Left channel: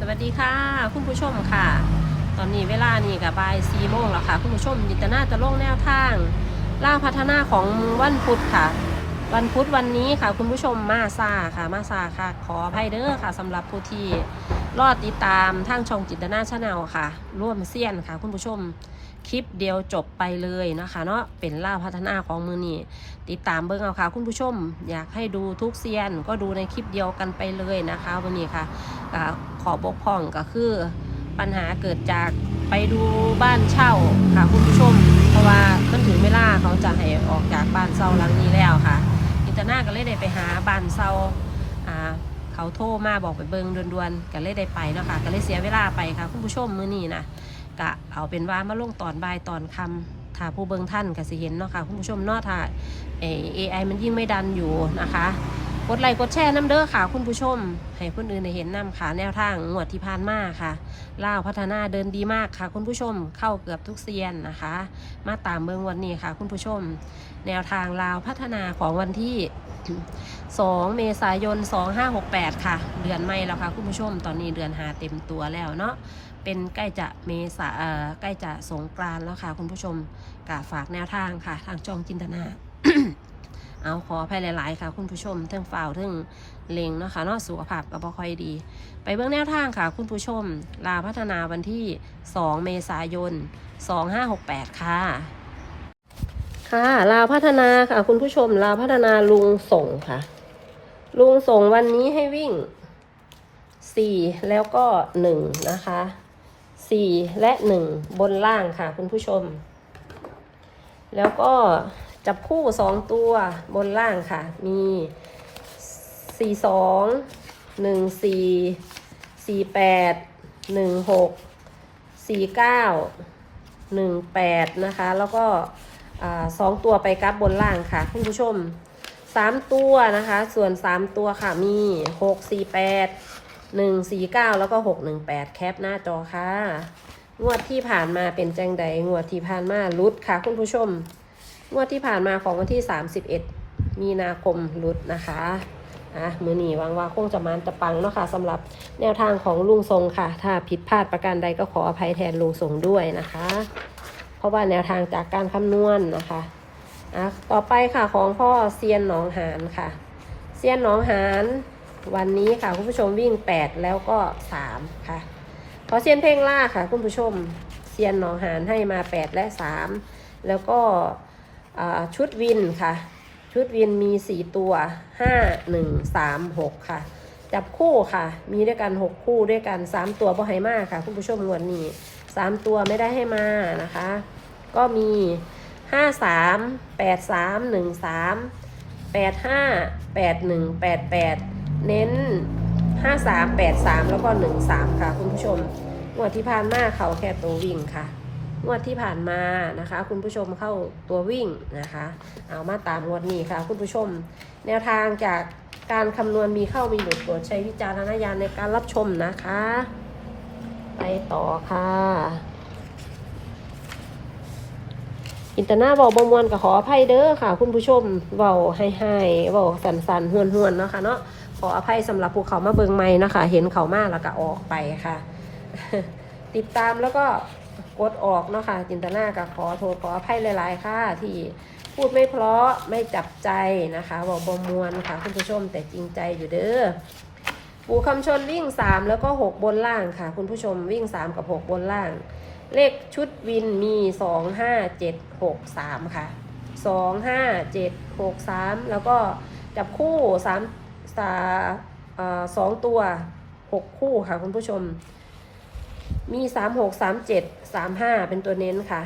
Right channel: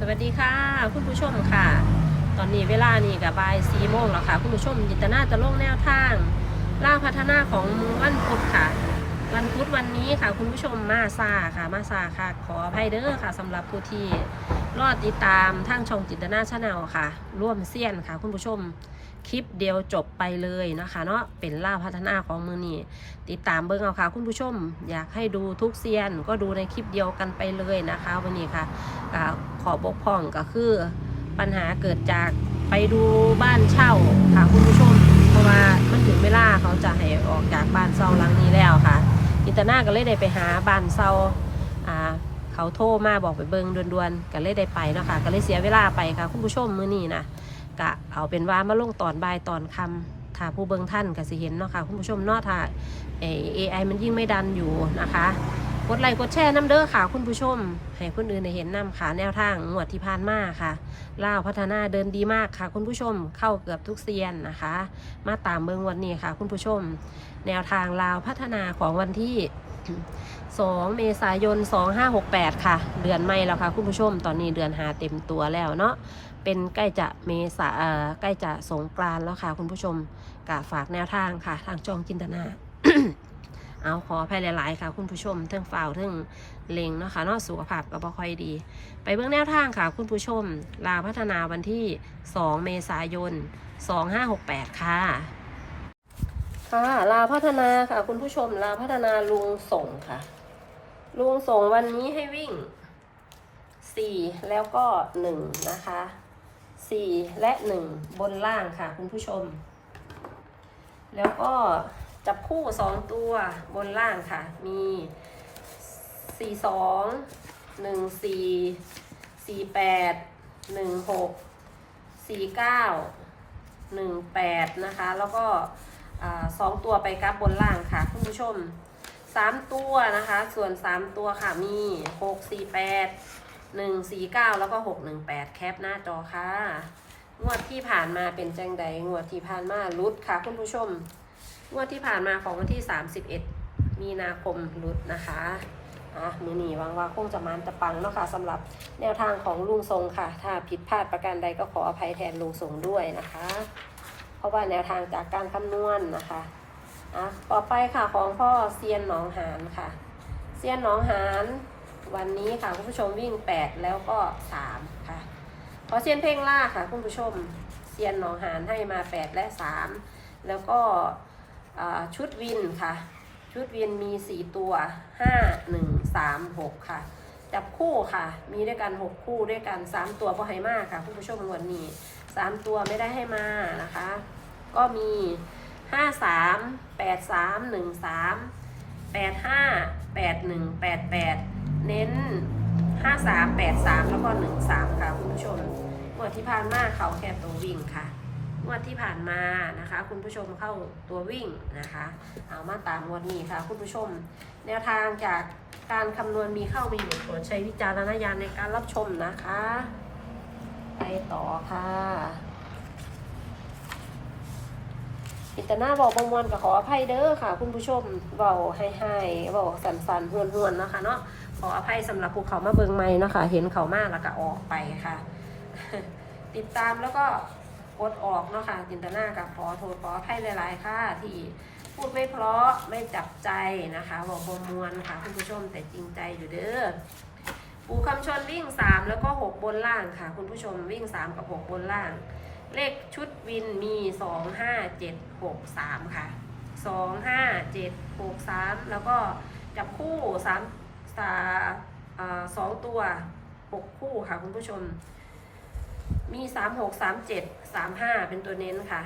สวัสดีค่ะ คุณผู้ชมค่ะ ตอนนี้เวลานี่กับบ่ายสี่โมงแล้วค่ะ คุณผู้ชมยินตนาจะลงแนวทางล่าพัฒนาของวันพุธค่ะ วันพุธวันนี้ค่ะ คุณผู้ชมมาซาค่ะ มาซาค่ะ ขออภัยเด้อค่ะสำหรับผู้ที่รอดติดตามทางช่องจินตนาชาแนลค่ะ ร่วมเซียนค่ะ คุณผู้ชม คลิปเดียวจบไปเลยนะคะเนาะเป็นล่าพัฒนาของมือนี้ติดตามเบิ้งเอาค่ะคุณผู้ชม อยากให้ดูทุกเซียนก็ดูในคลิปเดียวกันไปเลยนะคะวันนี้ค่ะขอบกพร่องก็คือปัญหาเกิดจากไปดูบ้านเช่าค่ะคุณผู้ชม เพราะว่ามันถึงเวลาเขาจะให้ออกจากบ้านเช่าหลังนี้แล้วค่ะ อินเตอร์นาก็เลยได้ไปหาบ้านเช่าอ่าเขาโทรมาบอกไปเบิงด่วนๆก็เลยได้ไปเนาะค่ะก็เลยเสียเวลาไปค่ะ คุณผู้ชมมื้อนี้นะ ก็เอาเป็นว่ามาลงตอนบ่ายตอนคำถ้าผู้เบิงท่านก็สิเห็นเนาะค่ะคุณผู้ชมเนาะถ้าเอไอมันยิ่งไม่ดันอยู่นะคะ กดไลค์กดแชร์น้ำเด้อค่ะ คุณผู้ชม ให้คนอื่นเห็นน้ำค่ะแนวทางงวดที่ผ่านมาค่ะล่าวพัฒนาเดินดีมากค่ะ คุณผู้ชมเข้าเกือบทุกเซียนนะคะ มาตามเมืองวันนี้ค่ะ คุณผู้ชม แนวทางลาวพัฒนาของวันที่2 เมษายน 2568 ค่ะ เดือนไม่แล้วค่ะ คุณผู้ชม ตอนนี้เดือนหาเต็มตัวแล้วเนาะ เป็นใกล้จะเมษาใกล้จะสงกรานแล้วค่ะ คุณผู้ชมกะฝากแนวทางค่ะ ทางจองจินตนา เอาขออภัยหลาย ๆ ค่ะ คุณผู้ชมทั้งฝ่าวทั้งเลงเนาะค่ะนาะสุขภาพก็บ่ค่อยดี ไปเบื้องแนวทางค่ะ คุณผู้ชม ลาพัฒนาวันที่ 2 เมษายน 2568 ค่ะค่ะลาพัฒนาค่ะ คุณผู้ชมลาพัฒนาลุงส่งค่ะ ลุงส่งวันนี้ให้วิ่ง4แล้วก็1นะคะ 4 และ 1 บนล่างค่ะคุณผู้ชม แล้วก็จับคู่ 2 ตัวบนล่างค่ะ มี 4 2 1 4 4 8 1 6 4 9 1 8 นะคะ แล้วก็สองตัวไปกลับบนล่างค่ะคุณผู้ชม 3 ตัวนะคะ ส่วน 3 ตัวค่ะมี 6 4 8 1 4 9แล้วก็6 1 8แปดแคปหน้าจอค่ะ งวดที่ผ่านมาเป็นแจงใด งวดที่ผ่านมารุดค่ะ คุณผู้ชม งวดที่ผ่านมาของวันที่31มีนาคมรุดนะคะอะมือหนีหวังว่าคงจะมันจะปังเนาะค่ะสำหรับแนวทางของลุงทรงค่ะ ถ้าผิดพลาดประการใดก็ขออภัยแทนลุงทรงด้วยนะคะ เพราะว่าแนวทางจากการคำนวณนะคะอะต่อไปค่ะของพ่อเซียนหนองหานค่ะ เซียนหนองหาน วันนี้ค่ะคุณผู้ชมวิ่ง 8 แล้วก็ 3 ค่ะ ขอเซียนเพ่งล่าค่ะคุณผู้ชมเซียนหนองหานให้มา 8 และ 3 แล้วก็ชุดวินค่ะ ชุดวินมี 4 ตัว 5 1 3 6 ค่ะ จับคู่ค่ะ มีด้วยกัน 6 คู่ด้วยกัน 3 ตัวบ่ให้มากค่ะ คุณผู้ชมงวดนี้ 3 ตัวไม่ได้ให้มานะคะ ก็มี 5 3 8 3 1 3 8 5 8 1 8 8 เน้น 5 3 8 3 แล้วก็ 1 3 ค่ะคุณผู้ชมงวดที่ผ่านมาเขาแค่ตัววิ่งค่ะงวดที่ผ่านมานะคะ คุณผู้ชมเข้าตัววิ่งนะคะ เอามาตามงวดนี้ค่ะ คุณผู้ชม แนวทางจากการคำนวณมีเข้ามีหลุดโปรดใช้วิจารณญาณในการรับชมนะคะ ไปต่อค่ะ อินเตอร์นาบอกบมวนกับขออภัยเด้อค่ะ คุณผู้ชมเบาให้ให้เบาสันสันๆหวนหวนเนาะค่ะเนาะขออภัยสำหรับภูเขามาเบิงไม่นะคะ เห็นเขามากแล้วก็ออกไปค่ะ ติดตามแล้วก็กดออกเนาะค่ะจินตนากับขอโทษขออภัยหลายๆค่ะที่พูดไม่เพราะไม่จับใจนะคะบอกบมวนค่ะคุณผู้ชมแต่จริงใจอยู่เด้อปูคำชนวิ่ง 3 แล้วก็ 6 บนล่างค่ะ คุณผู้ชมวิ่ง 3 กับ 6 บนล่าง เลขชุดวินมี 2 5 7 6 3 ค่ะ 2 5 7 6 3 แล้วก็จับคู่3สาสองตัว 6 คู่ค่ะคุณผู้ชม มี 3 6 3 7 3 5 เป็นตัวเน้นค่ะ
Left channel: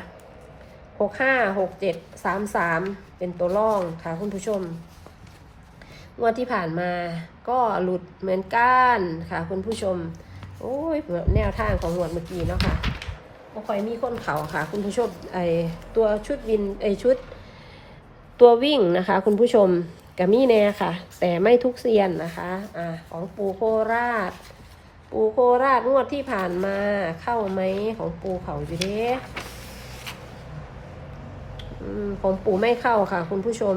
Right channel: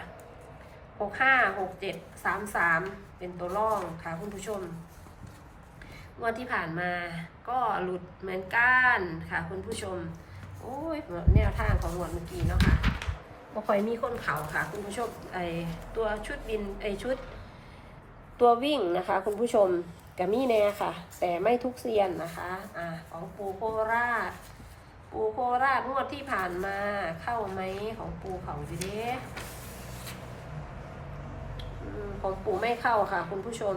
6 5 6 7 3 3 เป็นตัวร่องค่ะคุณผู้ชมงวดที่ผ่านมาก็หลุดเหมือนกันค่ะคุณผู้ชม โอ้ยแนวทางของงวดเมื่อกี้เนาะค่ะ บ่ค่อยมีคนเขาค่ะ คุณผู้ชมไอตัวชุดวินไอชุด ตัววิ่งนะคะ คุณผู้ชมกับมีแน่ค่ะ แต่ไม่ทุกเซียนนะคะอ่าของปูโคราช ปูโคราชงวดที่ผ่านมาเข้าไหมของปูเขาอยู่เด้อืมของปูไม่เข้าค่ะ คุณผู้ชม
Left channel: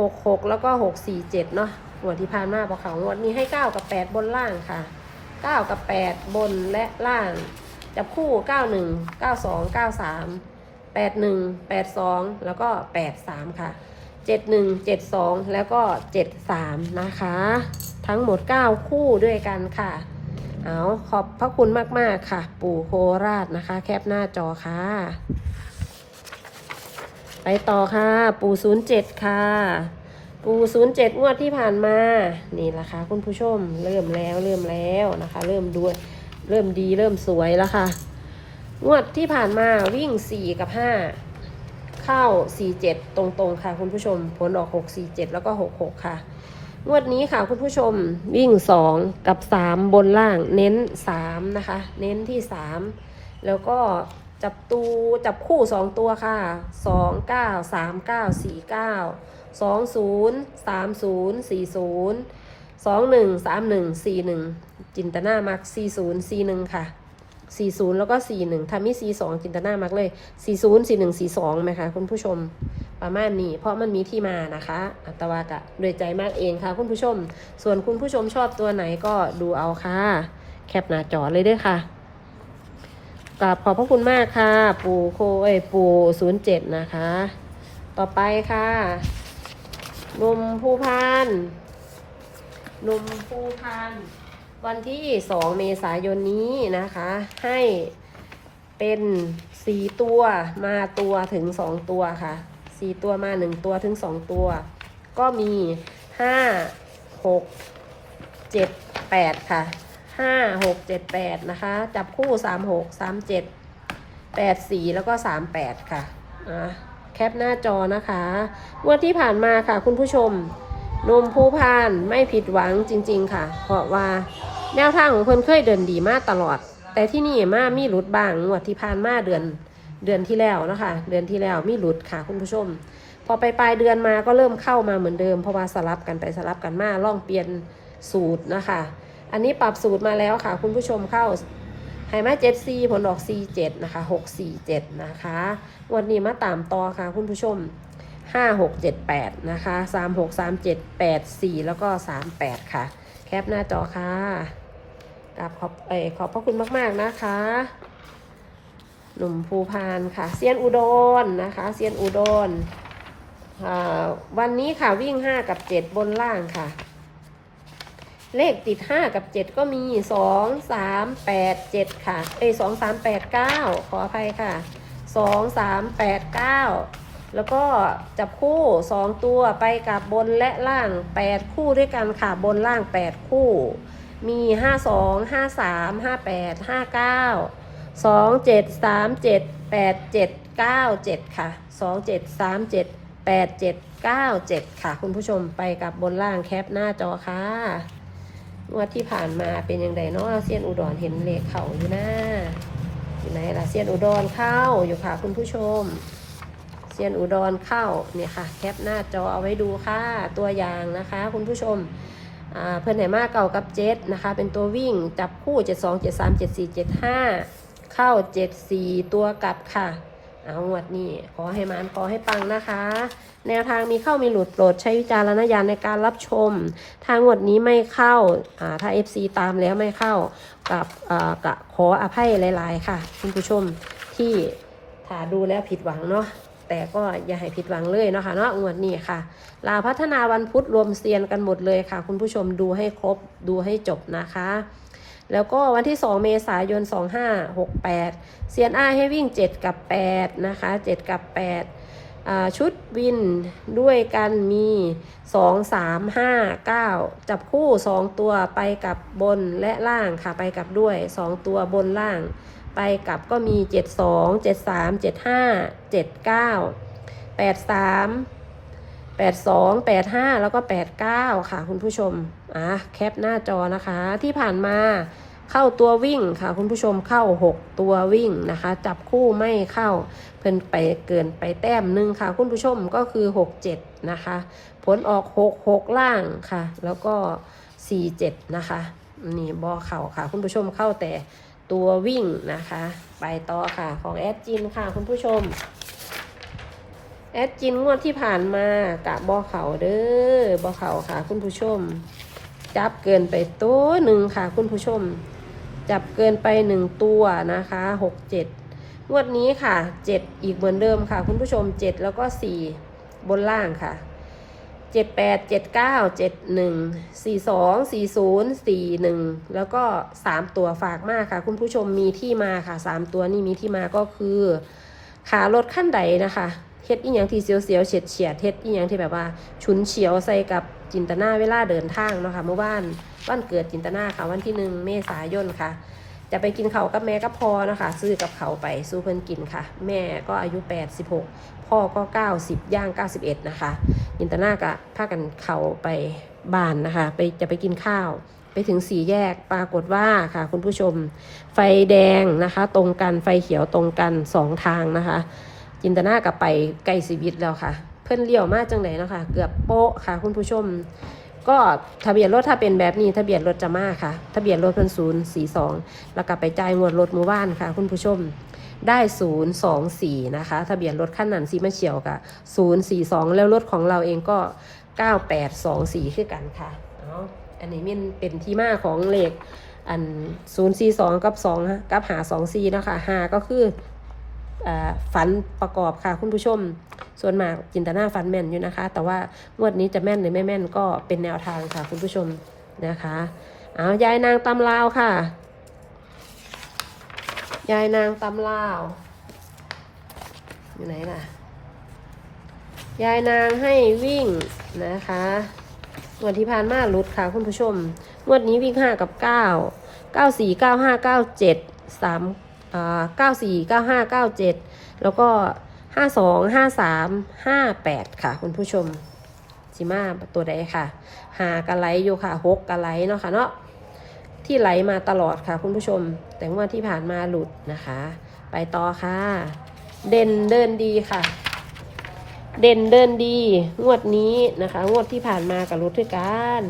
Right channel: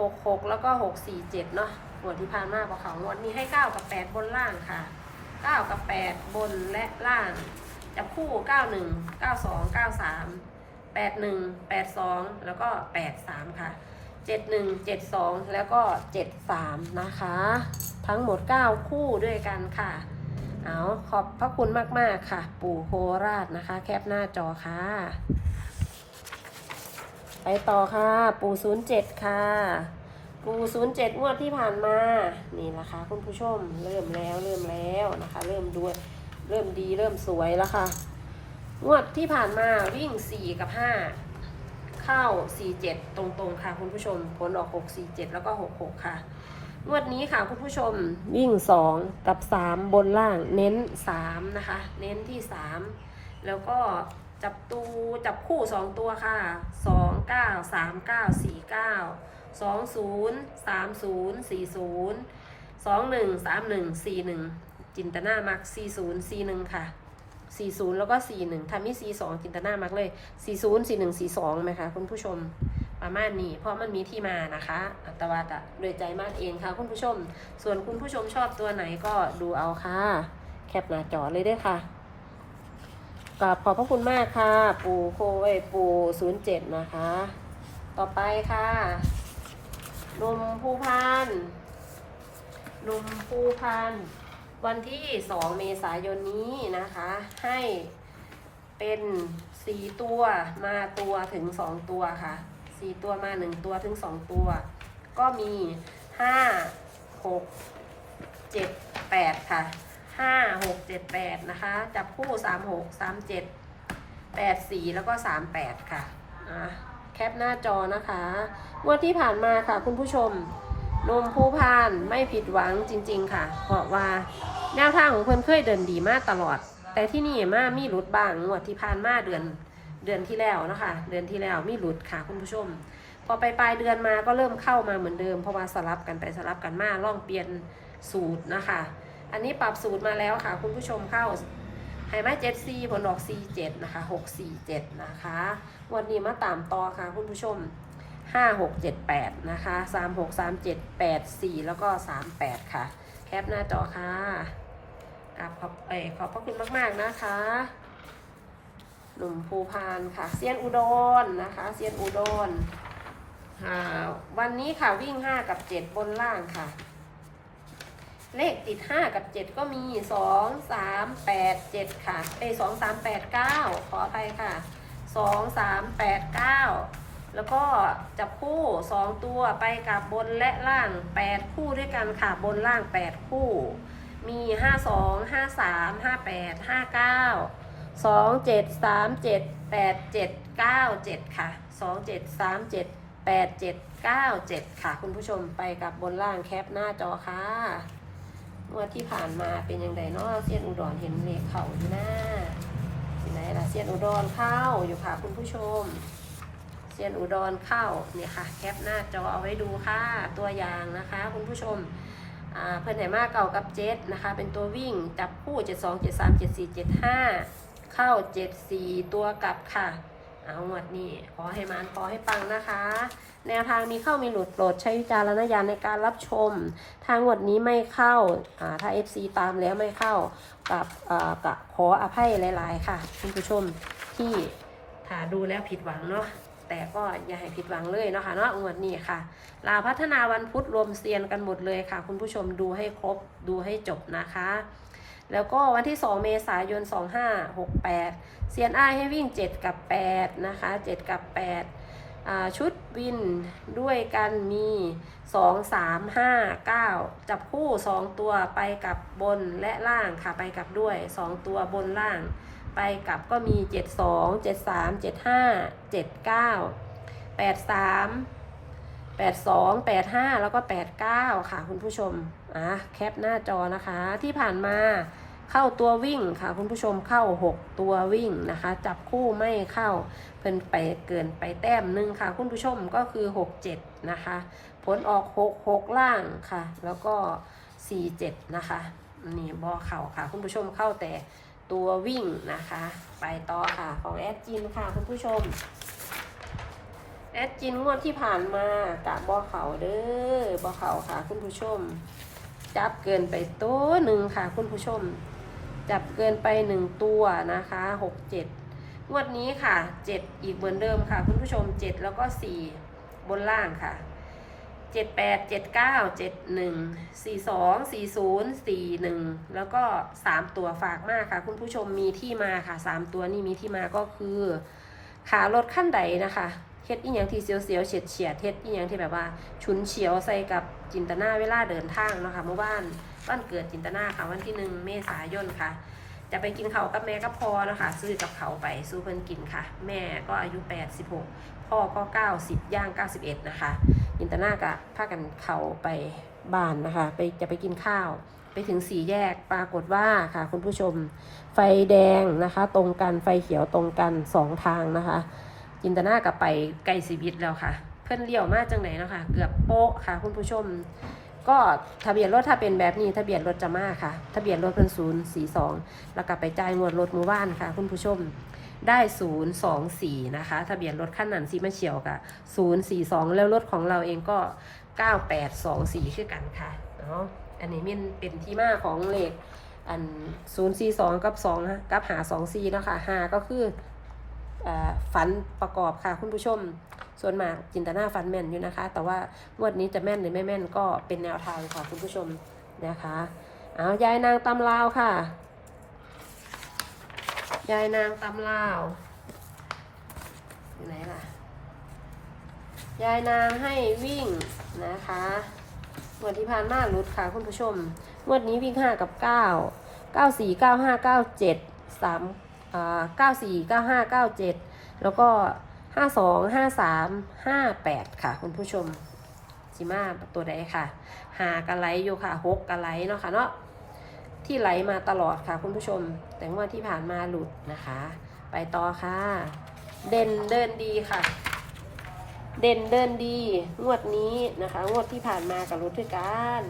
หกหกแล้วก็หกสี่เจ็ดเนาะงวดที่ผ่านมาพอเขางวดนี้ให้เก้ากับแปดบนล่างค่ะ9กับ8บนและล่าง จับคู่ 91 92 93 81 82 แล้วก็ 83 ค่ะ 71 72 แล้วก็ 73 นะคะ ทั้งหมด 9 คู่ด้วยกันค่ะ เอาขอบพระคุณมาก ๆ ค่ะ ปู่โคราชนะคะ แคปหน้าจอค่ะ ไปต่อค่ะ ปู่ 07 ค่ะปูศูนย์เจ็ดงวดที่ผ่านมา นี่แหละคะคุณผู้ชม เริ่มแล้วเริ่มแล้วนะคะ เริ่มด้วย เริ่มดีเริ่มสวยแล้วค่ะ งวดที่ผ่านมาวิ่งสี่กับห้าเข้าสี่เจ็ดตรงๆค่ะ คุณผู้ชมผลออกหกสี่เจ็ดแล้วก็หกหกค่ะ งวดนี้ค่ะคุณผู้ชมวิ่งสองกับสามบนล่างเน้นสามนะคะ เน้นที่สามแล้วก็จับตูจับคู่สองตัวค่ะสองเก้าสามเก้าสี่เก้าสองศูนย์สามศูนย์สี่ศูนย์สองหนึ่งสามหนึ่งสี่หนึ่ง จินตนามักสี่ศูนย์สี่หนึ่งค่ะสี่ศูนย์แล้วก็สี่หนึ่งทำให้สี่สองจินตนามักเลยสี่ศูนย์สี่หนึ่งสี่สองไหมคะคุณผู้ชมประมาณนี้ เพราะมันมีที่มานะคะอัตวากะโดยใจมากเองค่ะ คุณผู้ชม ส่วนคุณผู้ชมชอบตัวไหนก็ดูเอาค่ะ แคปหน้าจอเลยเด้วยค่ะกราบขอบพระคุณมากค่ะ ปูโคเอปูศูนย์เจ็ดนะคะ ต่อไปค่ะนมผู้พันนมผู้พัน วันที่ 2 เมษายนนี้นะคะ ให้เป็นสีตัวมาตัวถึง2ตัวค่ะสีตัวมา1ตัวถึง2ตัว ก็มี5 6 7 8ค่ะ5 6 7 8นะคะ จับคู่3 6 3 7 8 4แล้วก็3 8ค่ะอะแคปหน้าจอนะคะงวันที่ผ่านมาค่ะคุณผู้ชม นมผู้พานไม่ผิดหวังจริง ๆ ค่ะ เพราะว่าแนวทางของเพิ่นเคยเดินดีมากตลอด แต่ที่นี่มามีหลุดบ้างงวดที่ผ่านมาเดือนเดือนที่แล้วนะคะ เดือนที่แล้วมีหลุดค่ะคุณผู้ชม พอไปปลายเดือนมาก็เริ่มเข้ามาเหมือนเดิมเพราะว่าสลับกันไปสลับกันมาล่องเปลี่ยนสูตรนะคะ อันนี้ปรับสูตรมาแล้วค่ะ คุณผู้ชมเข้าไฮมาเจ็ดซีผลออกซีเจ็ดนะคะหกสี่เจ็ดนะคะ วันนี้มาตามต่อค่ะคุณผู้ชม ห้าหกเจ็ดแปดนะคะสามหกสามเจ็ดแปดสี่แล้วก็สามแปดค่ะ แคปหน้าจอค่ะกราบขอบเอขอบพระคุณมาก ๆ นะคะหนุ่มภูพานค่ะเซียนอุดรนะคะเซียนอุดรค่ะวันนี้ค่ะวิ่งห้ากับเจ็ดบนล่างค่ะ เลขติด 5 กับ 7 ก็มี 2 3 8 7 ค่ะ เอ้ย2 3 8 9 ขออภัยค่ะ 2 3 8 9 แล้วก็จับคู่ 2 ตัวไปกับบนและล่าง 8 คู่ด้วยกันค่ะบนล่าง 8 คู่ มี 5 2 5 3 5 8 5 9 2 7 3 7 8 7 9 7 ค่ะ 2 7 3 7 8 7 9 7 ค่ะ คุณผู้ชมไปกับบนล่างแคปหน้าจอค่ะงวดที่ผ่านมาเป็นยังไงเนาะเซียนอุดรเห็นเลขเขาอยู่นะที่ไหนล่ะเซียนอุดรเข้าอยู่ค่ะ คุณผู้ชม เซียนอุดรเข้าเนี่ยค่ะแคปหน้าจอเอาไว้ดูค่ะตัวอย่างนะคะ คุณผู้ชมเพื่อนไหนมากเก่ากับเจ็ดนะคะ เป็นตัววิ่งจับคู่7 2 7 3 7 4 7 5เข้า7 4ตัวกลับค่ะ เอางวดนี้ขอให้มานขอให้ปังนะคะ แนวทางมีเข้ามีหลุดโปรดใช้วิจารณญาณในการรับชม ทางงวดนี้ไม่เข้าถ้า FC ตามแล้วไม่เข้ากับกับขออภัยหลาย ๆ ค่ะคุณผู้ชมที่ถ้าดูแล้วผิดหวังเนาะ แต่ก็อย่าให้ผิดหวังเลยเนาะค่ะเนาะงวดนี้ค่ะ ลาพัฒนาวันพุธรวมเซียนกันหมดเลยค่ะ คุณผู้ชมดูให้ครบดูให้จบนะคะ แล้วก็วันที่ 2 เมษายน 2568เซียนอ้ายให้วิ่ง 7 กับ 8 นะคะ 7 กับ 8 ชุดวินด้วยกันมี 2 3 5 9 จับคู่ 2 ตัวไปกับบนและล่างค่ะไปกับด้วย 2 ตัวบนล่าง ไปกลับก็มี 7 2 7 3 7 5 7 9 8 3 8 2 8 5 แล้วก็ 8 9 ค่ะคุณผู้ชม อะแคปหน้าจอนะคะ ที่ผ่านมาเข้าตัววิ่งค่ะคุณผู้ชมเข้า 6 ตัววิ่งนะคะ จับคู่ไม่เข้าเพิ่นไปเกินไปแต้มหนึ่งค่ะ คุณผู้ชมก็คือ 6 7 นะคะ ผลออก 6 6 ล่างค่ะ แล้วก็ 4 7 นะคะ นี่บอเข่าค่ะ คุณผู้ชมเข้าแต่ ตัววิ่งนะคะ ไปต่อค่ะของแอดจินค่ะคุณผู้ชม แอดจินงวดที่ผ่านมากะบอเขาเด้อบอเขาค่ะ คุณผู้ชม จับเกินไปตัวหนึ่งค่ะ คุณผู้ชม จับเกินไปหนึ่งตัวนะคะหกเจ็ดงวดนี้ค่ะเจ็ดอีกเหมือนเดิมค่ะ คุณผู้ชมเจ็ดแล้วก็สี่บนล่างค่ะ เจ็ดแปดเจ็ดเก้าเจ็ดหนึ่งสี่สองสี่ศูนย์สี่หนึ่งแล้วก็สามตัวฝากมากค่ะ คุณผู้ชมมีที่มาค่ะสามตัวนี่มีที่มาก็คือขารถขั้นใดนะคะเฮ็ดอีหยังที่เสียวๆเฉียดเฉียดเฮ็ดอีหยังที่แบบว่าฉุนเฉียวใส่กับจินตนาเวลาเดินทางเนาะค่ะเมื่อวานวันเกิดจินตนาค่ะวันที่หนึ่งเมษายนค่ะ จะไปกินเขากับแม่กับพ่อนะคะซื้อกับเขาไปสู้เพิ่นกินค่ะ แม่ก็อายุ 86 พ่อก็ 90 ย่าง 91 นะคะอินตนากะพากันเขาไปบ้านนะคะ ไปจะไปกินข้าว ไปถึงสี่แยกปรากฏว่าค่ะ คุณผู้ชม ไฟแดงนะคะ ตรงกันไฟเขียวตรงกันสองทางนะคะจินตนากับไปไกลสีวิตแล้วค่ะ เพิ่อนเลี้ยวมากจังไหนนะคะเกือบโป๊ะค่ะ คุณผู้ชม ก็ทะเบียนรถถ้าเป็นแบบนี้ทะเบียนรถจะมาค่ะ ทะเบียนรถเพิ่นศูนย์สี่สองแล้วก็ไปจ่ายงวดรถหมู่บ้านค่ะ คุณผู้ชมได้ศูนย์สองสี่นะคะ ทะเบียนรถขั้นนั้นซีมาเฉียวกับศูนย์สี่สองแล้วรถของเราเองก็เก้าแปดสองสี่คือกันค่ะเนาะอันนี้มันเป็นที่มาของเลขอันศูนย์สี่สองกับสองกับหาสองสี่นะคะหาก็คือ ฝันประกอบค่ะคุณผู้ชม ส่วนมากจินตนาฟันแม่นอยู่นะคะ แต่ว่างวดนี้จะแม่นหรือไม่แม่นก็เป็นแนวทางค่ะคุณผู้ชมนะคะเอายายนางตำลาวค่ะ ยายนางตำลาวอยู่ไหนล่ะ ยายนางให้วิ่งนะคะงวันที่ผ่านมาลุดค่ะคุณผู้ชม งวดนี้วิ่งห้ากับเก้าเก้าสี่เก้าห้าเก้าเจ็ดสาม เก้าสี่เก้าห้าเก้าเจ็ดแล้วก็ห้าสองห้าสามห้าแปดค่ะ คุณผู้ชมสิมาตัวใดค่ะ หากระไหลอยู่ค่ะหกกระไหลเนาะค่ะเนาะที่ไหลมาตลอดค่ะ คุณผู้ชม แต่งวดที่ผ่านมาหลุดนะคะ ไปต่อค่ะ เด่นเดินดีค่ะ เด่นเดินดี งวดนี้นะคะ งวดที่ผ่านมากับหลุดด้วยกัน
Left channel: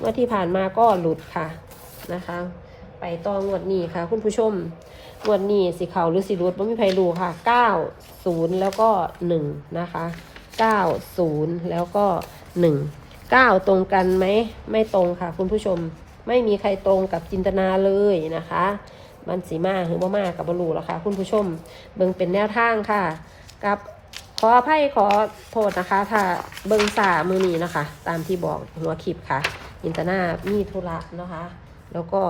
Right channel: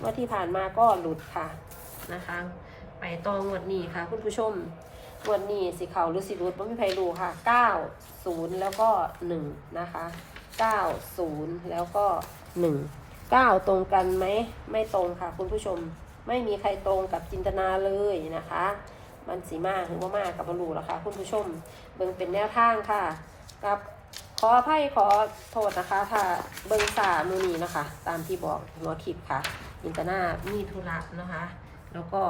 งวดที่ผ่านมาก็หลุดค่ะนะคะ ไปต่องวดนี้ค่ะ คุณผู้ชม วดนี้สิเขาวหรือสิรุดไม่มีใครรู้ค่ะ9 0แล้วก็1นะคะ9 0แล้วก็1 9ตรงกันไหมไม่ตรงค่ะ คุณผู้ชมไม่มีใครตรงกับจินตนาเลยนะคะ มันสีมาหรือบ่มากับบรูแล้วค่ะ คุณผู้ชมเบิ่งเป็นแนวทางค่ะกับขออภัยขอโทษนะคะ ถ้าเบิ่งสามือนี้นะคะ ตามที่บอกหัวคลิปค่ะจินตนามีธุระนะคะ แล้วก็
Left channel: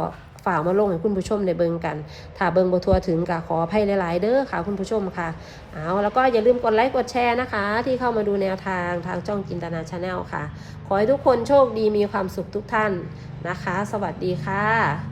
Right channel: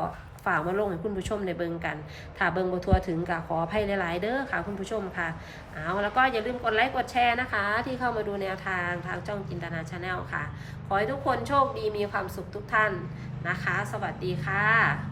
ฝากมาลงให้คุณผู้ชมในเบิงกัน ถ้าเบิงบทัวถึงก็ขออภัยหลาย ๆ เด้อค่ะคุณผู้ชมค่ะ เอาแล้วก็อย่าลืมกดไลค์กดแชร์นะคะ ที่เข้ามาดูแนวทางทางจ้องจินตนาชาแนลค่ะ ขอให้ทุกคนโชคดีมีความสุขทุกท่านนะคะ สวัสดีค่ะ